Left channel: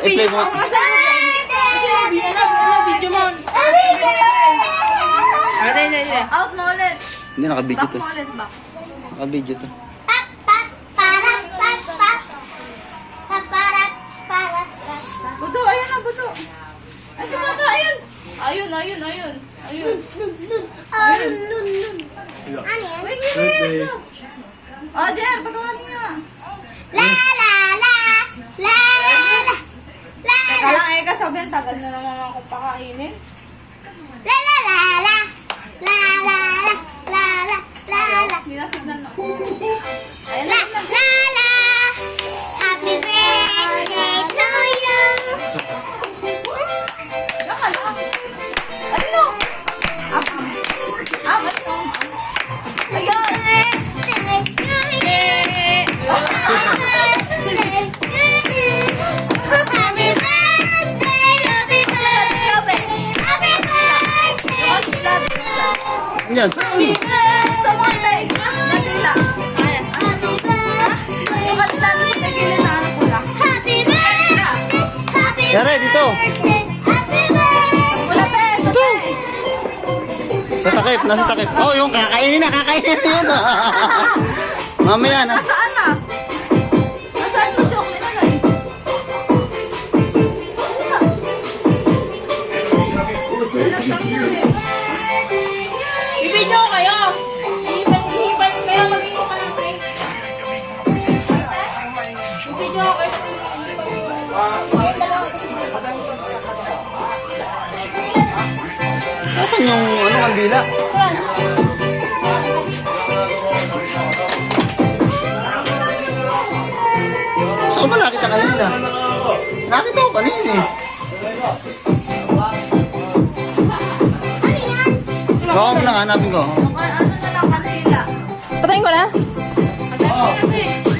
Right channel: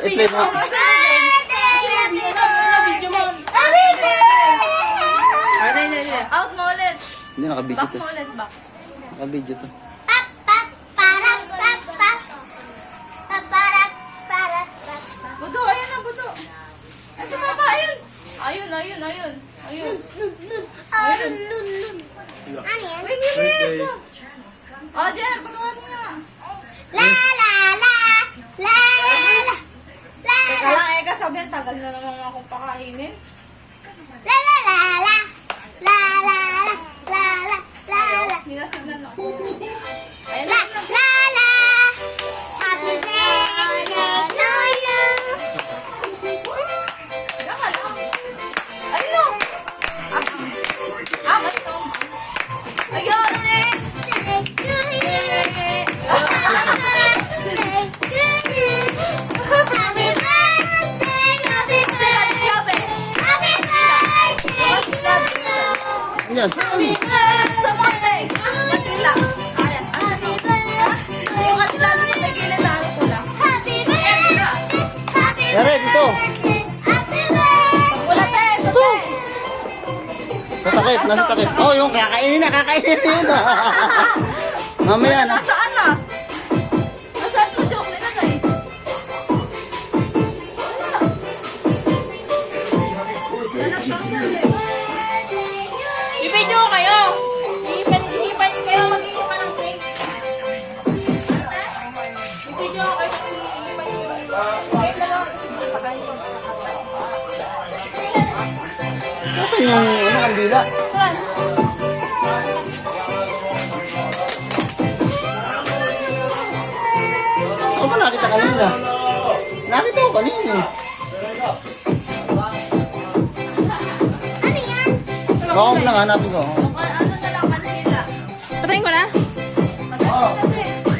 I-play mo nga. Video mo. Out mo ulit. Hindi, naka-video Back to. mo ulit, back. Naka-video to. Budo, ayun na, budo. Ay, si Papa, ayun. Ayun. Wait. Oh, Jer, pagawa niyo nga. Teka lang, Eka, sabihin, tagal na naman akong pakainin. Sinasignan na. Ayan na. Happy birthday to you. Ayun na. Ayun o. Ayun. Yan, saan? Sa Monday. Kanila. Yung kanila na sa pagilid na anak ko lang. Yare, dito. Ulatin. Sa takip, nasa takip. Oh, yung kakainin na yun. Mamaya na. Nasaan na? Nasaan mo joke? Nilagay. Ibigyo kayo. Ihipal kayo. Mag-ihip ka ng cake. Ibigyo kayo. Nasaan yung kandila? Saan ba nakita kanina? Nakita ko kanina eh. Baka mo nang hanapin ko.